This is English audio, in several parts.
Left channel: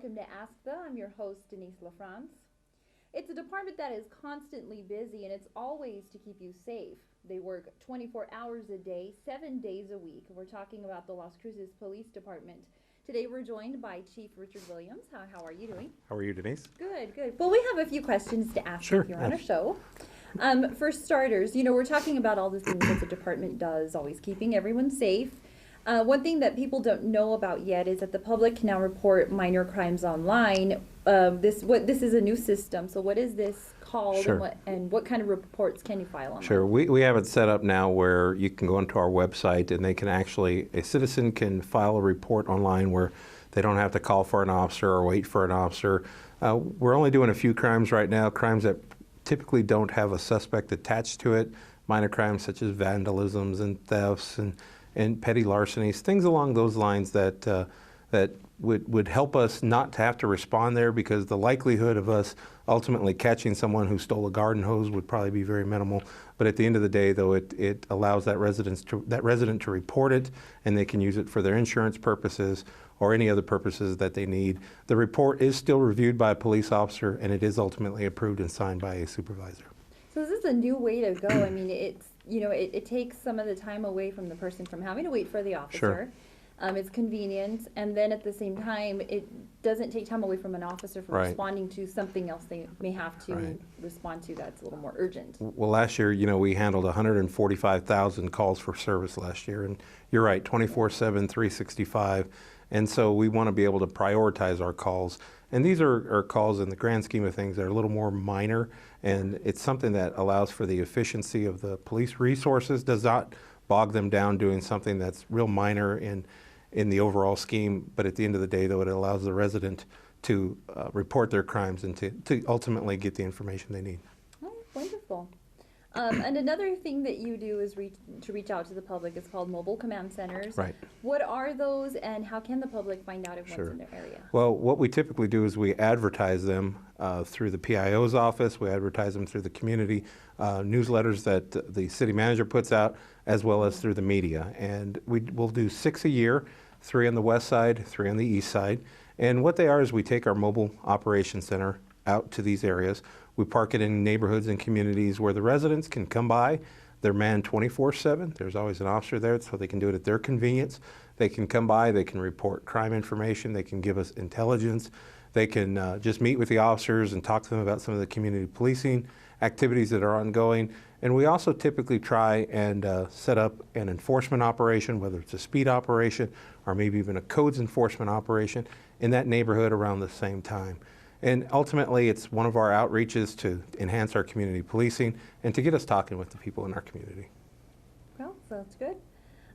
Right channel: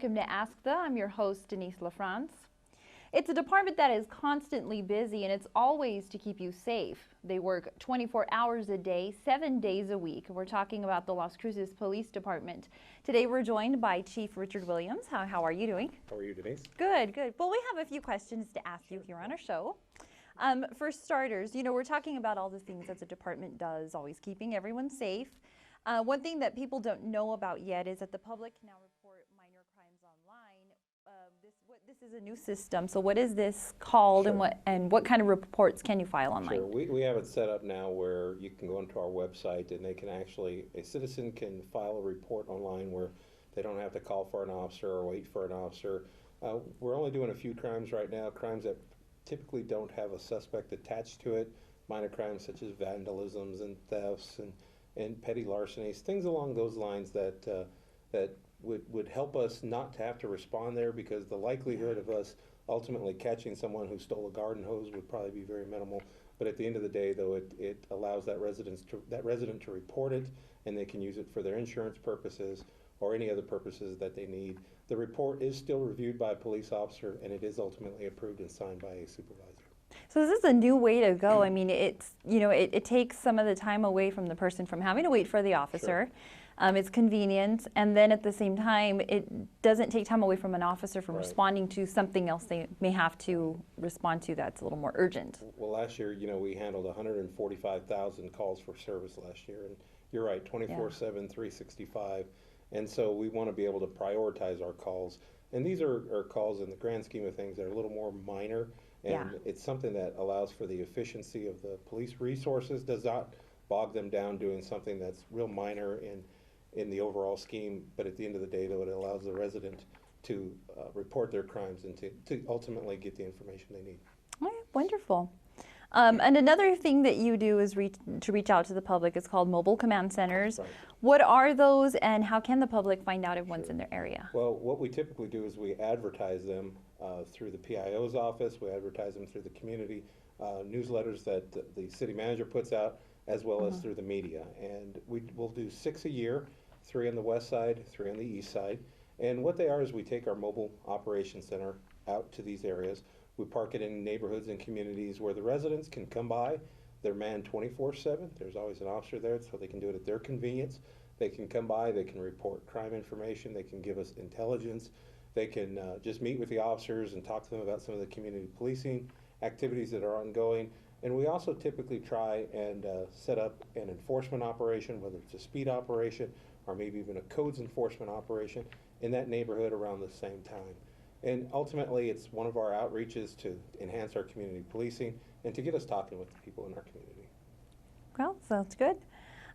welcome to Ask the. I'm your host, Denise LaFrance. It's a department that is constantly busy, and it's always to keep you safe. They work 24 hours a day, 7 days a week. We're talking about the Las Cruces Police Department. Today we're joined by Chief Richard Williams. How are you doing? How are you, Denise? Good, good. Well, we have a few questions to ask you here on our show. For starters, we're talking about all the things that the department does, always keeping everyone safe. One thing that people don't know about yet is that the public can now report minor crimes online. This is a new system. So what is this called, Sure. and what kind of reports can you file online? Sure. We have it set up now where you can go onto our website and a citizen can file a report online where they don't have to call for an officer or wait for an officer. We're only doing a few crimes right now, crimes that typically don't have a suspect attached to it, minor crimes such as vandalisms and thefts and petty larcenies, things along those lines that would help us not to have to respond there, because the likelihood of us ultimately catching someone who stole a garden hose would probably be very minimal. But at the end of the day, though, it allows that resident to report it, and they can use it for their insurance purposes or any other purposes that they need. The report is still reviewed by a police officer, and it is ultimately approved and signed by a supervisor. So this is a new way to go. I mean, it takes some of the time away from the person from having to wait for the officer. Sure. It's convenient, and then at the same time, it doesn't take time away from an officer from Right. responding to something else they may have to Right. respond to that's a little more urgent. Well, last year, we handled 145,000 calls for service last year, and you're right, 24/7, 365, and so we want to be able to prioritize our calls. And these are calls in the grand scheme of things that are a little more minor, and it's something that allows for the efficiency of the police resources, does not bog them down doing something that's real minor in the overall scheme, but at the end of the day, though, it allows the resident to report their crimes and to ultimately get the information they need. All right, wonderful. And another thing that you do is to reach out to the public. It's called mobile command centers. Right. What are those, and how can the public find out if one's Sure. in their area? Well, what we typically do is we advertise them through the PIO's office. We advertise them through the community newsletters that the city manager puts out, as well as through the media. And we'll do 6 a year, 3 on the west side, 3 on the east side. And what they are is we take our mobile operations center out to these areas. We park it in neighborhoods and communities where the residents can come by. They're manned 24/7. There's always an officer there, so they can do it at their convenience. They can come by, they can report crime information, they can give us intelligence. They can just meet with the officers and talk to them about some of the community policing activities that are ongoing. And we also typically try and set up an enforcement operation, whether it's a speed operation or maybe even a codes enforcement operation in that neighborhood around the same time. And ultimately, it's one of our outreaches to enhance our community policing and to get us talking with the people in our community. Well, sounds good.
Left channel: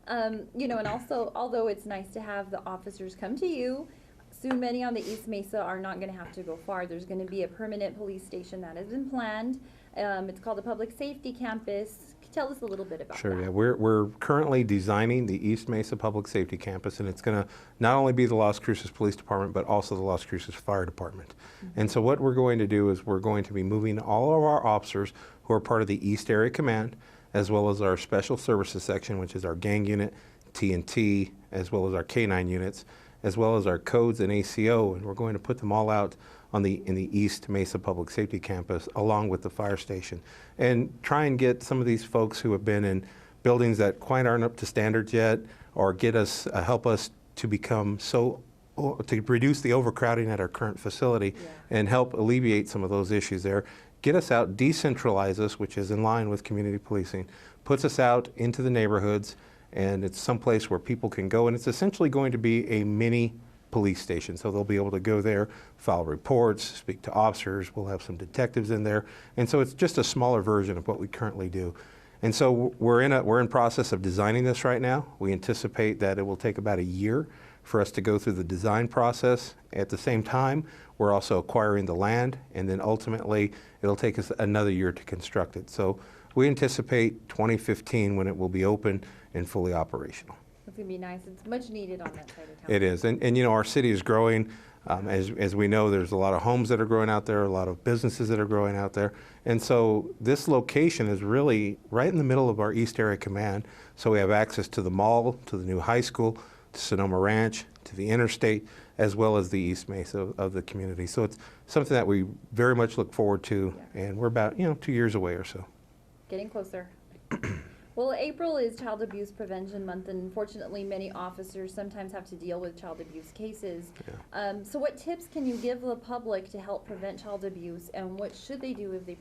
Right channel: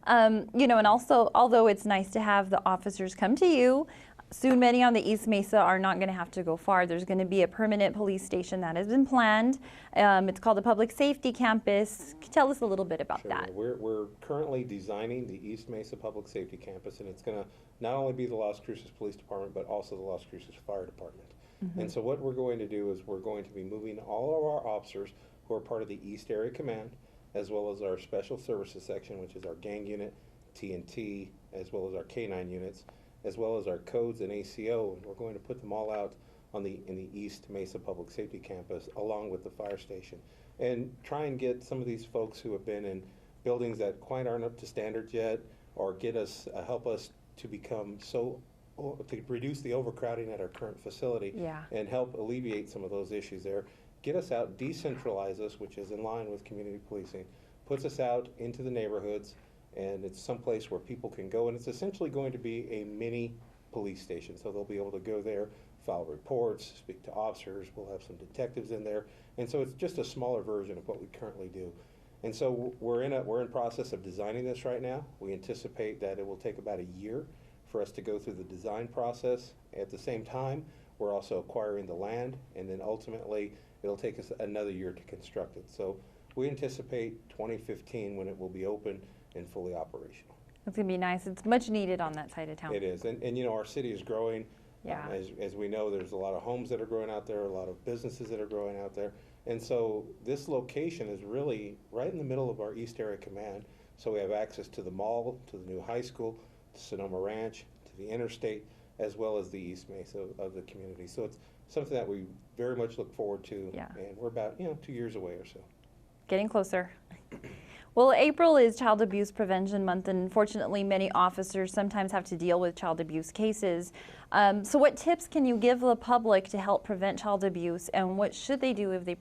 And also, although it's nice to have the officers come to you, soon many on the East Mesa are not going to have to go far. There's going to be a permanent police station that has been planned. It's called the Public Safety Campus. Tell us a little bit about Sure, that. yeah. We're currently designing the East Mesa Public Safety Campus, and it's going to not only be the Las Cruces Police Department, but also the Las Cruces Fire Department. And so what we're going to do is we're going to be moving all of our officers who are part of the East Area Command, as well as our Special Services Section, which is our gang unit, TNT, as well as our K-9 units, as well as our codes and ACO, and we're going to put them all out in the East Mesa Public Safety Campus along with the fire station, and try and get some of these folks who have been in buildings that quite aren't up to standards yet, or help us to to reduce the overcrowding at our current facility and help alleviate some of those issues there. Get us out, decentralize us, which is in line with community policing, puts us out into the neighborhoods, and it's someplace where people can go, and it's essentially going to be a mini police station. So they'll be able to go there, file reports, speak to officers. We'll have some detectives in there, and so it's just a smaller version of what we currently do. And so we're in process of designing this right now. We anticipate that it will take about a year for us to go through the design process. At the same time, we're also acquiring the land, and then ultimately it'll take us another year to construct it. So we anticipate 2015 when it will be open and fully operational. It's going to be nice. It's much needed on that side of town. It is, and our city is growing. As we know, there's a lot of homes that are growing out there, a lot of businesses that are growing out there. And so this location is really right in the middle of our East Area Command. So we have access to the mall, to the new high school, to Sonoma Ranch, to the interstate, as well as the East Mesa of the community. So it's something that we very much look forward to, and we're about 2 years away or so. Getting closer. Well, April is Child Abuse Prevention Month, and unfortunately many officers sometimes have to deal with child abuse cases. So what tips can you give the public to help prevent child abuse, and what should they do if they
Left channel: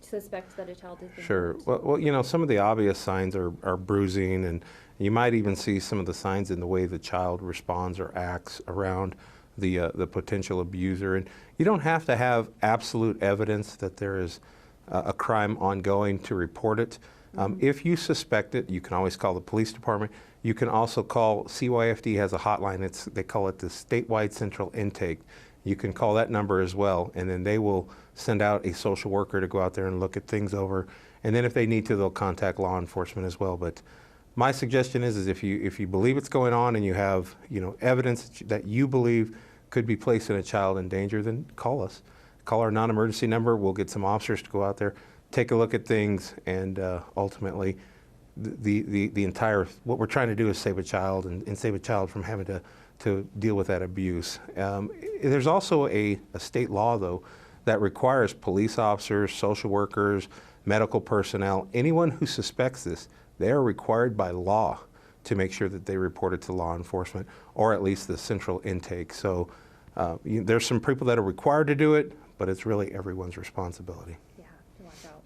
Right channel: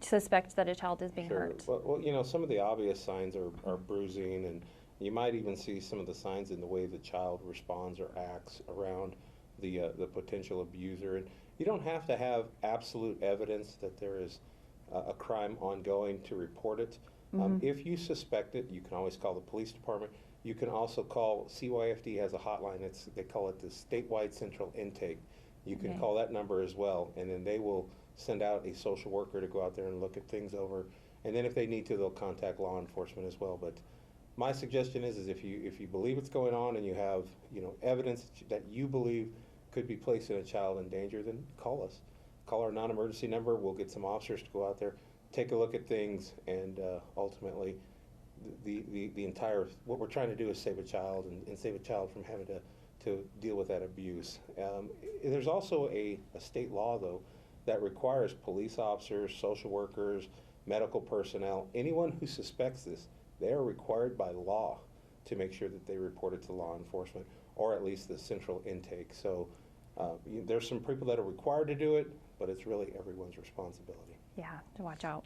suspect that a child is being hurt? Well, some of the obvious signs are bruising, and you might even see some of the signs in the way the child responds or acts around the potential abuser. And you don't have to have absolute evidence that there is a crime ongoing to report it. If you suspect it, you can always call the police department. You can also call, CYFD has a hotline, they call it the Statewide Central Intake. You can call that number as well, and then they will send out a social worker to go out there and look at things over. And then if they need to, they'll contact law enforcement as well. But my suggestion is if you believe it's going on and you have evidence that you believe could be placing a child in danger, then call us. Call our non-emergency number. We'll get some officers to go out there, take a look at things, and ultimately the entire, what we're trying to do is save a child and save a child from having to deal with that abuse. There's also a state law, though, that requires police officers, social workers, medical personnel, anyone who suspects this, they are required by law to make sure that they report it to law enforcement, or at least the central intake. So there's some people that are required to do it, but it's really everyone's responsibility. Yeah, to watch out.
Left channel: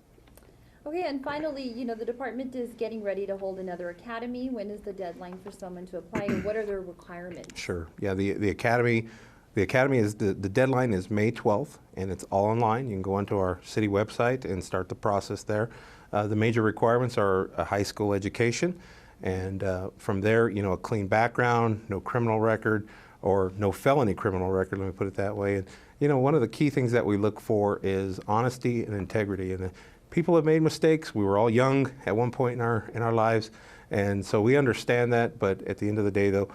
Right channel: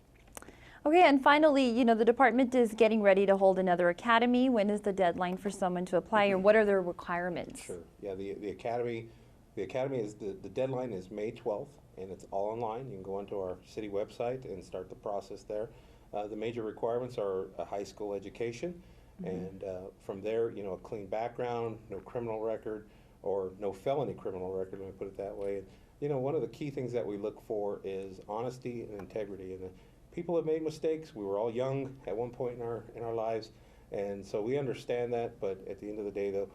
Okay, and finally, the department is getting ready to hold another academy. When is the deadline for someone to apply, or what are their requirements? Sure. Yeah, the academy is, the deadline is May 12th, and it's all online. You can go onto our city website and start the process there. The major requirements are a high school education, and from there, a clean background, no criminal record, or no felony criminal record, let me put it that way. And one of the key things that we look for is honesty and integrity. And people have made mistakes. We were all young at one point in our lives, and so we understand that. But at the end of the day, though,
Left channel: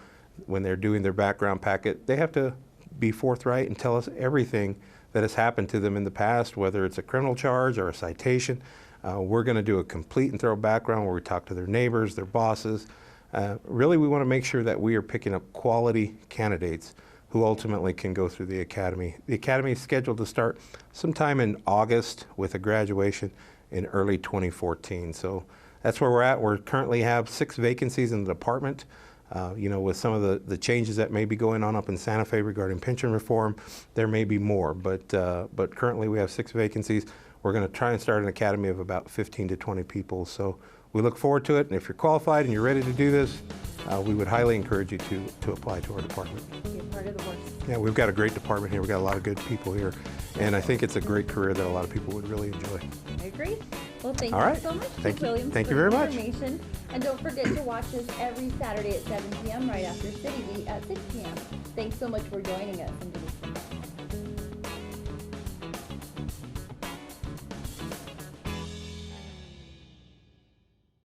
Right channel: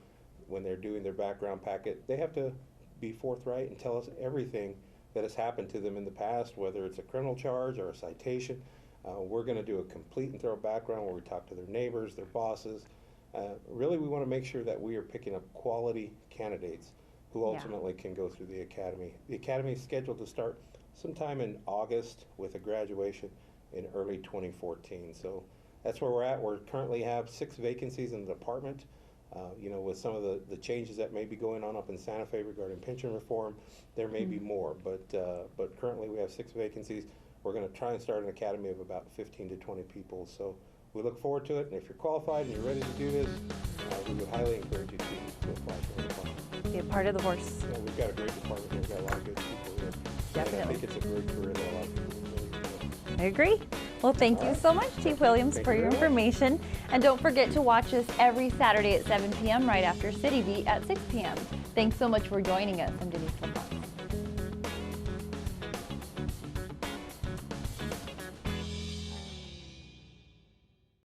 when they're doing their background packet, they have to be forthright and tell us everything that has happened to them in the past, whether it's a criminal charge or a citation. We're going to do a complete and thorough background where we talk to their neighbors, their bosses. Really, we want to make sure that we are picking up quality candidates who ultimately can go through the academy. The academy is scheduled to start sometime in August with a graduation in early 2014. So that's where we're at. We currently have 6 vacancies in the department. With some of the changes that may be going on up in Santa Fe regarding pension reform, there may be more, but currently we have 6 vacancies. We're going to try and start an academy of about 15 to 20 people. So we look forward to it, and if you're qualified and you're ready to do this, we would highly encourage you to apply to our department. Be a part of the force. Yeah, we've got a great department here. We've got a lot of good people here, and I think it's a great career that a lot of people would really enjoy. I agree. Well, thank you so much, Chief Williams, for your information. And don't forget to watch us every Saturday at 7 p.m. right after City Beat at 6 p.m. Thanks so much for joining us. I'm Denise Kimball.